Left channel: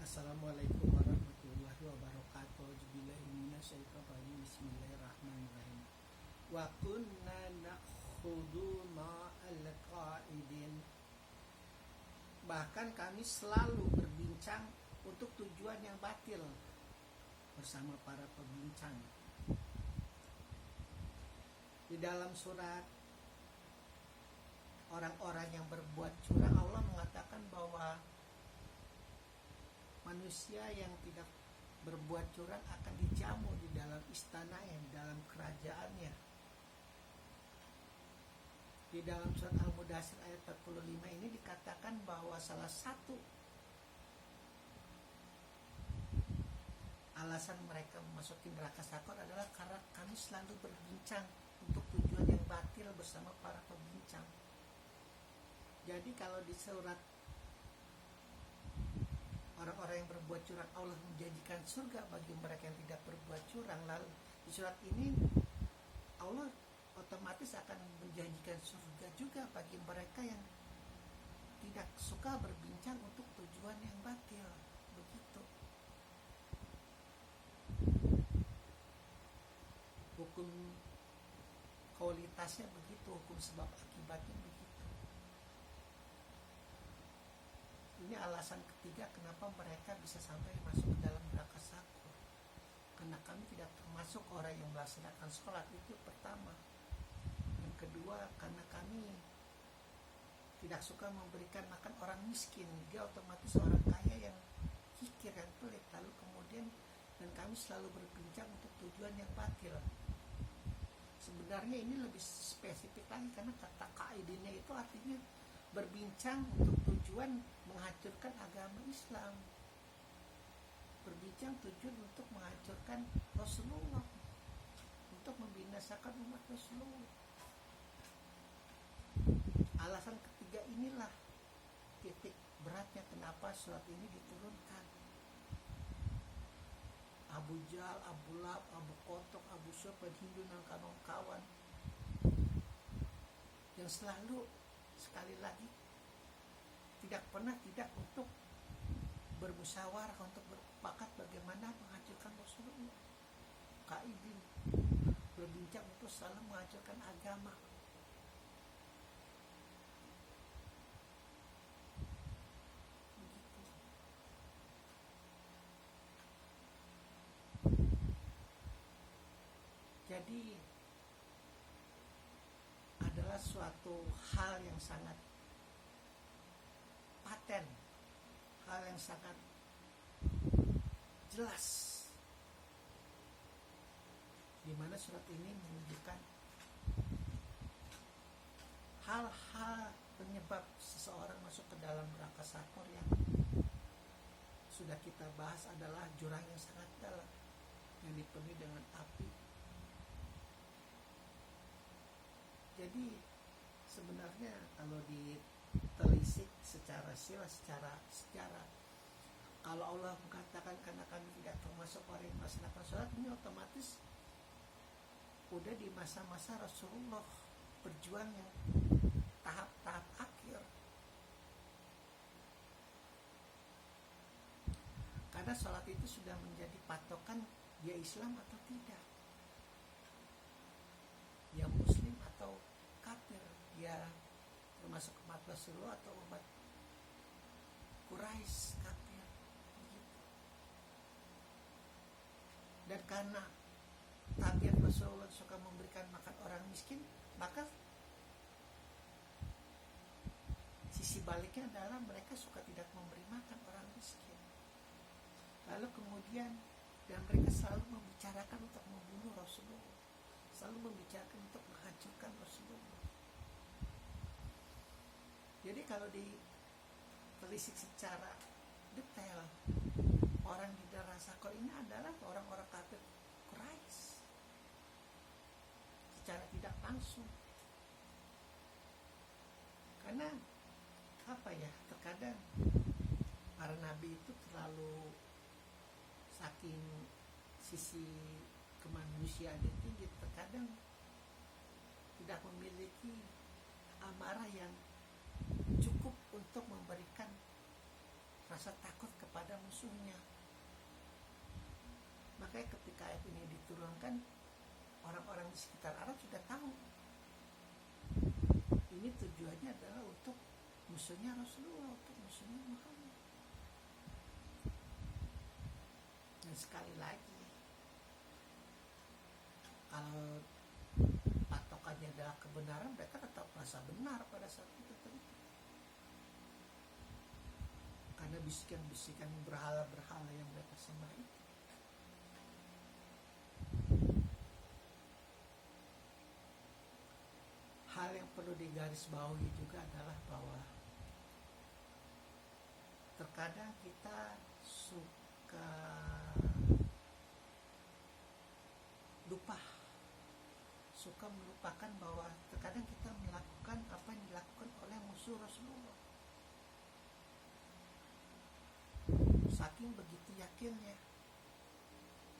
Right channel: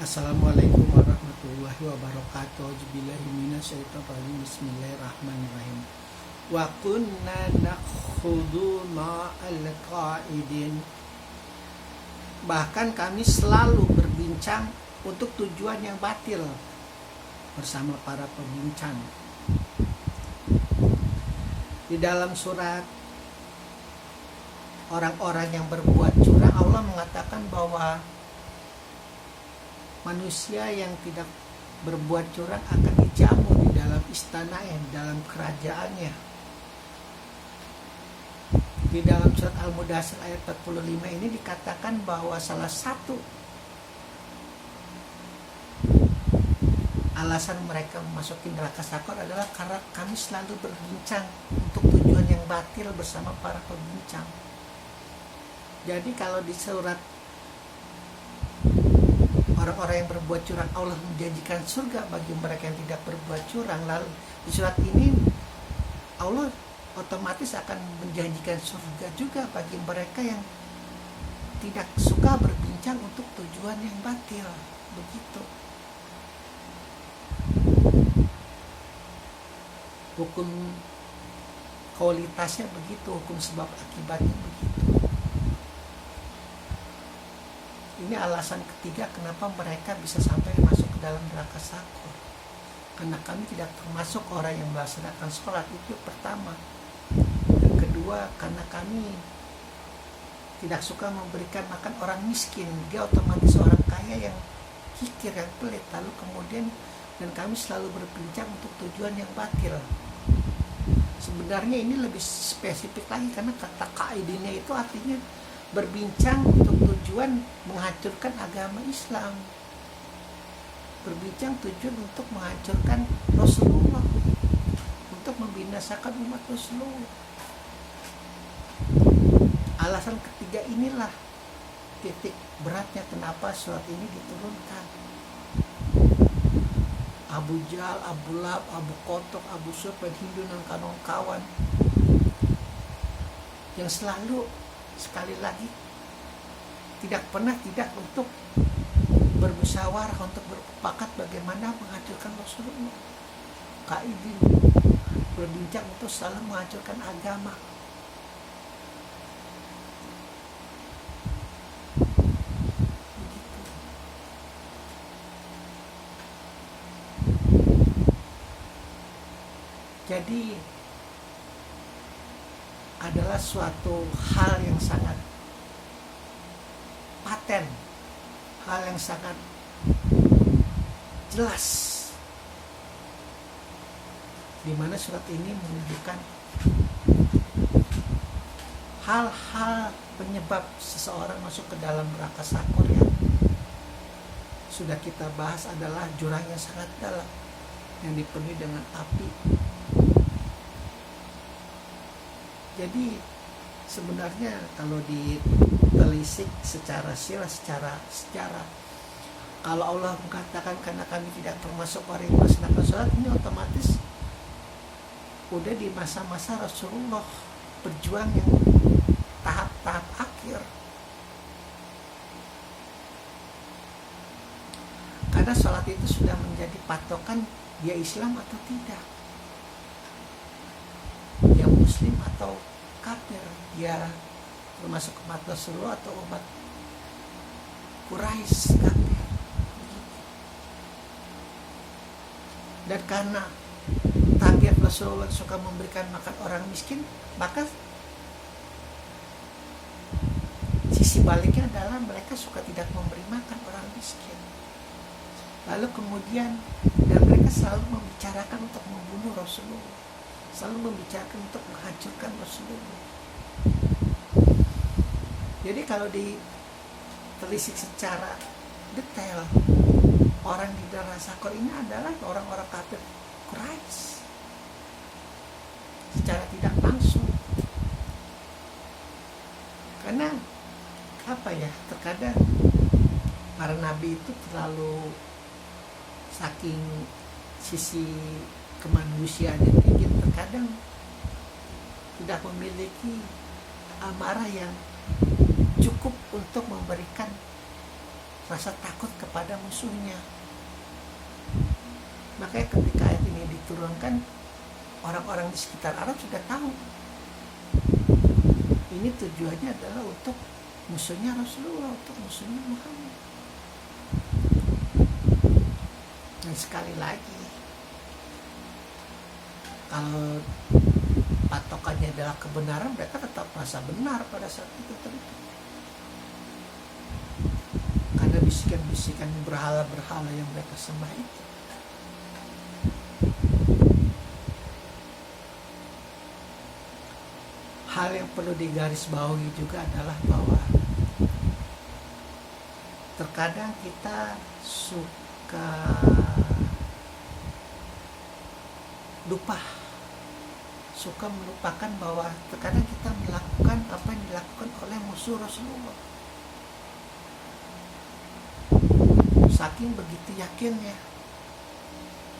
Assalamualaikum warahmatullahi wabarakatuh. Auzubillahi Bismillahirrahmanirrahim. Wa kunna nakhudhu ma'al qa'idin. Bahkan kami selalu berbincang untuk tujuan yang batil bersama para pembincang. Di dalam surat orang-orang yang berbuat curang, Allah mengatakan bahwa manusia yang tidak berbuat curang akan dijamu di dalam istananya, di dalam kerajaannya. Di dalam surat Al-Mudaththir ayat 45 ini dikatakan bahwa salah satu alasan mereka memasuki neraka sakor adalah karena kami selalu berbincang untuk tujuan yang batil bersama para pembincang. Jadi kalau di surat orang-orang yang berbuat curang, Allah menjanjikan surga bagi mereka yang tidak berbuat curang. Lalu di surat ini Allah otomatis akan menjanjikan surga juga bagi mereka yang tidak suka berbincang untuk tujuan yang batil. Begitu. Hukum kualitasnya begitu, hukum sebab akibatnya begitu. Ini alasan ketiga kenapa mereka bisa sampai masuk ke dalam neraka sakor. Karena kami tidak termasuk orang yang melaksanakan sholat, itu pertama. Yang kedua, karena kami tidak suka memberikan makan orang miskin. Dia otomatis orang kaya yang kikir, yang pelit. Lalu kemudian, dan kami selalu berbincang untuk tujuan yang batil. Sebenarnya ini lebih spesifik lagi, karena kata kaidinnya itu artinya berbincang untuk tujuan menghancurkan agama Islam, berbincang tujuan untuk menghancurkan Rasulullah, untuk membinasakan umat Rasulullah. Alasan ketiga inilah titik beratnya kenapa surat ini diturunkan. Abu Jahal, Abu Lahab, Abu Kotok, Abu Sufyan, Hindu dan kawan-kawan yang selalu sekali lagi tidak pernah tidak untuk bermusyawarah, untuk bersepakat bagaimana menghancurkan Rasulullah. Kaidin berbincang untuk selalu menghancurkan agama. Begitu. Jadi adalah suatu hal yang sangat paten, hal yang sangat jelas, di mana surat ini menunjukkan hal-hal penyebab seseorang masuk ke dalam neraka sakor yang sudah kita bahas adalah jurang yang sangat dalam yang dipenuhi dengan api. Jadi sebenarnya kalau ditelisik secara sirah, secara sejarah, kalau Allah mengatakan karena kami tidak termasuk orang yang melaksanakan sholat, ini otomatis udah di masa-masa Rasulullah berjuang yang tahap-tahap akhir. Karena sholat itu sudah menjadi patokan dia Islam atau tidak, dia Muslim atau kafir, dia termasuk umat Rasulullah atau umat Quraisy kafir. Dan karena tabiat Rasulullah suka memberikan makan orang miskin, maka sisi baliknya adalah mereka suka tidak memberi makan orang miskin. Lalu kemudian, dan mereka selalu membicarakan untuk membunuh Rasulullah, selalu membicarakan untuk menghancurkan Rasulullah. Jadi kalau ditelisik secara detail, orang di neraka sakor ini adalah orang-orang kafir Quraisy secara tidak langsung. Karena apa ya, terkadang para nabi itu terlalu saking sisi kemanusiaan yang tinggi, terkadang tidak memiliki amarah yang cukup untuk memberikan rasa takut kepada musuhnya. Makanya ketika ayat ini diturunkan, orang-orang di sekitar Arab sudah tahu ini tujuannya adalah untuk musuhnya Rasulullah, untuk musuhnya Muhammad. Dan sekali lagi, kalau patokannya adalah kebenaran, mereka tetap merasa benar pada saat itu tentu. Karena bisikan-bisikan berhala-berhala yang mereka sembah itu. Hal yang perlu digarisbawahi juga adalah bahwa terkadang kita suka melupakan bahwa terkadang kita melakukan apa yang dilakukan oleh musuh Rasulullah. Saking begitu yakinnya,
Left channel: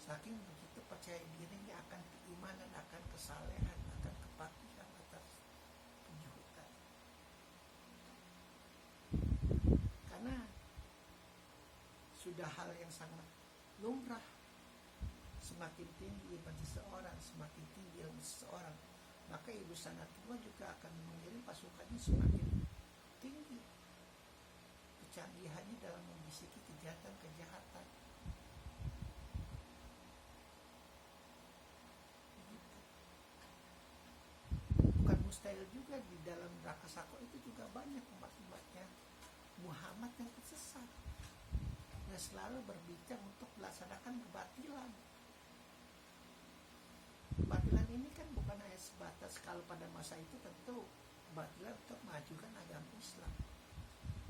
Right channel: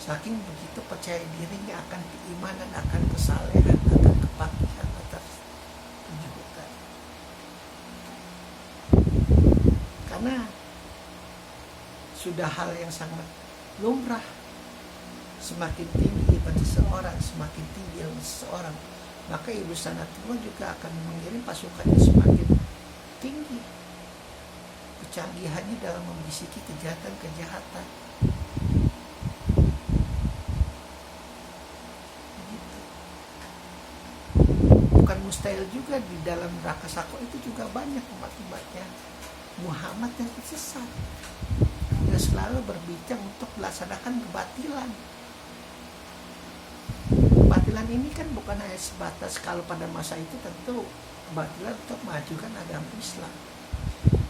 saking begitu percaya dirinya akan keimanan, akan kesalehan, akan kepakihan atas kejujuran. Karena sudah hal yang sangat lumrah, semakin tinggi iman seseorang, semakin tinggi ilmu seseorang, maka Ibu Sanatullah juga akan mengirim pasukannya semakin tinggi kecanggihannya dalam membisiki kejahatan-kejahatan. Begitu. Bukan mustahil juga di dalam neraka Saqar itu juga banyak umat-umatnya Muhammad yang tersesat, yang selalu berbincang untuk melaksanakan kebatilan. Kebatilan ini kan bukan hanya sebatas, kalau pada masa itu tentu kebatilan untuk mengajukan agama Islam.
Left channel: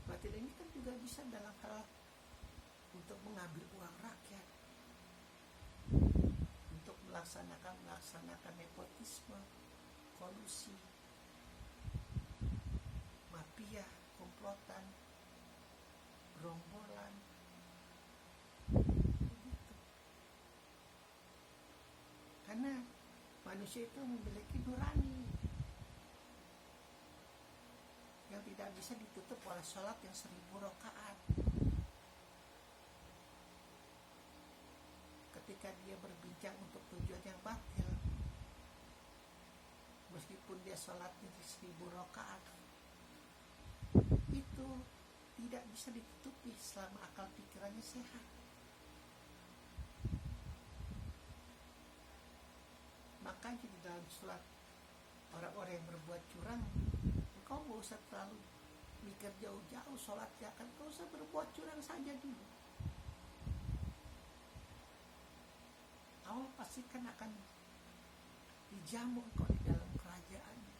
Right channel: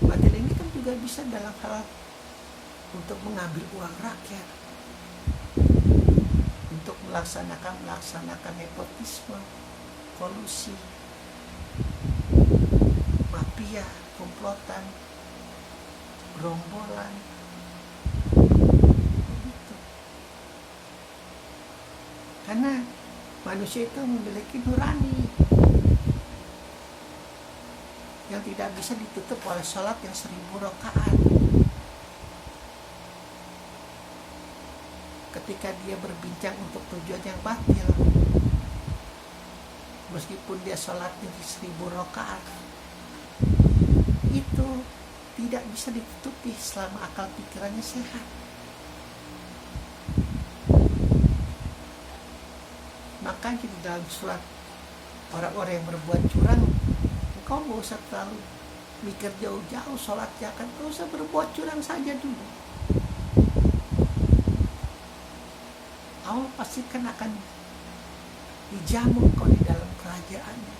Kebatilan ini kan juga bisa dalam hal untuk mengambil uang rakyat, untuk melaksanakan nepotisme, kolusi, mafia, komplotan, gerombolan, begitu. Karena manusia itu memiliki nurani yang tidak bisa ditutup oleh sholat yang 1000 rakaat. Ketika dia berbincang untuk tujuan yang batil, meskipun dia sholatnya 1000 rakaat, itu tidak bisa ditutupi selama akal pikirannya sehat. Makanya di dalam surat orang-orang yang berbuat curang, kau gak usah terlalu mikir jauh-jauh sholatnya, kan kau usah berbuat curang saja dulu. Allah pasti kan akan dijamu kau di dalam kerajaannya.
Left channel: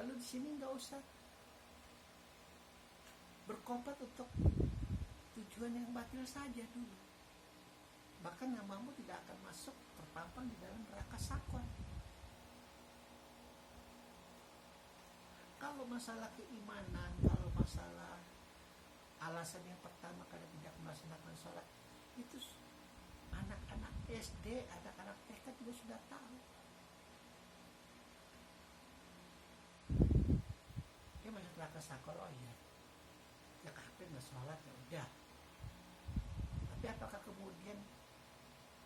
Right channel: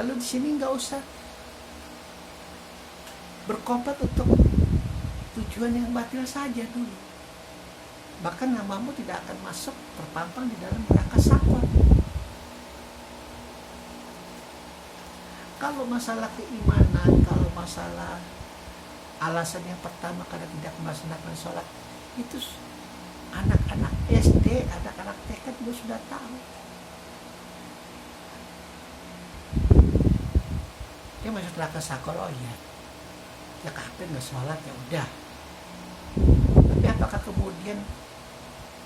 Lalu di sini nggak usah berkomplot untuk tujuan yang batil saja dulu. Bahkan namamu tidak akan masuk terpampang di dalam neraka Saqar. Kalau masalah keimanan, kalau masalah alasan yang pertama karena tidak melaksanakan sholat, itu anak-anak SD, anak-anak TK juga sudah tahu. Dia masuk neraka Saqar, oh iya, ya kafir nggak sholat, ya udah. Tapi apakah kemudian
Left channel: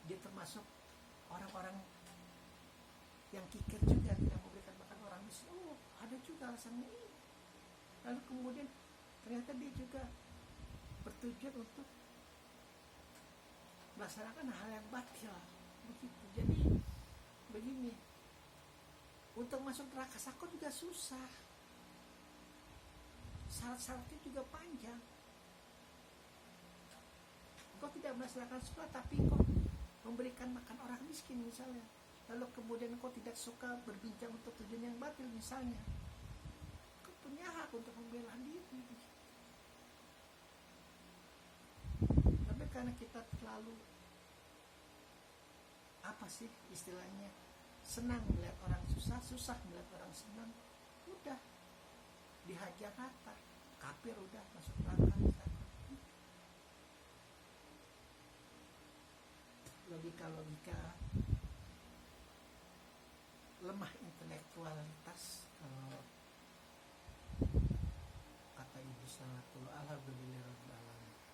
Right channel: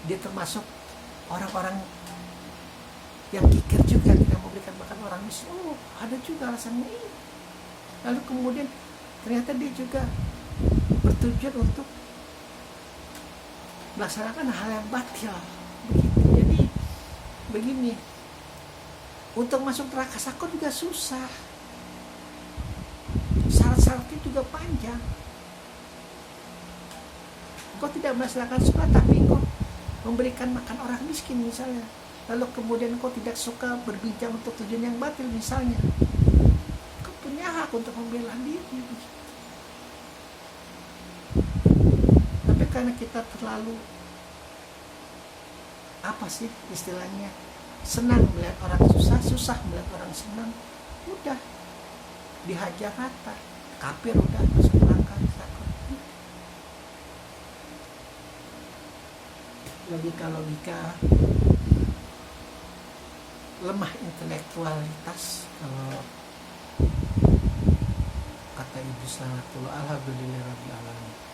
dia termasuk orang-orang yang kikir juga, tidak memberikan makan orang miskin? Oh, ada juga alasannya ini. Lalu kemudian ternyata dia juga bertujuan untuk melaksanakan hal yang batil. Begitu. Jadi begini, untuk masuk neraka Saqar juga susah. Syarat-syaratnya juga panjang. Kau tidak melaksanakan sholat, tapi kau memberikan makan orang miskin misalnya, lalu kemudian kau tidak suka berbincang untuk tujuan yang batil misalnya, kau punya hak untuk membela diri. Tapi karena kita terlalu apa sih istilahnya, senang melihat orang susah, susah melihat orang senang, udah dihajar rata, kafir udah masuk neraka. Logika lemah intelektualitas. Kalau kata Ibu Sanatullah, alhamdulillahirabbil alamin.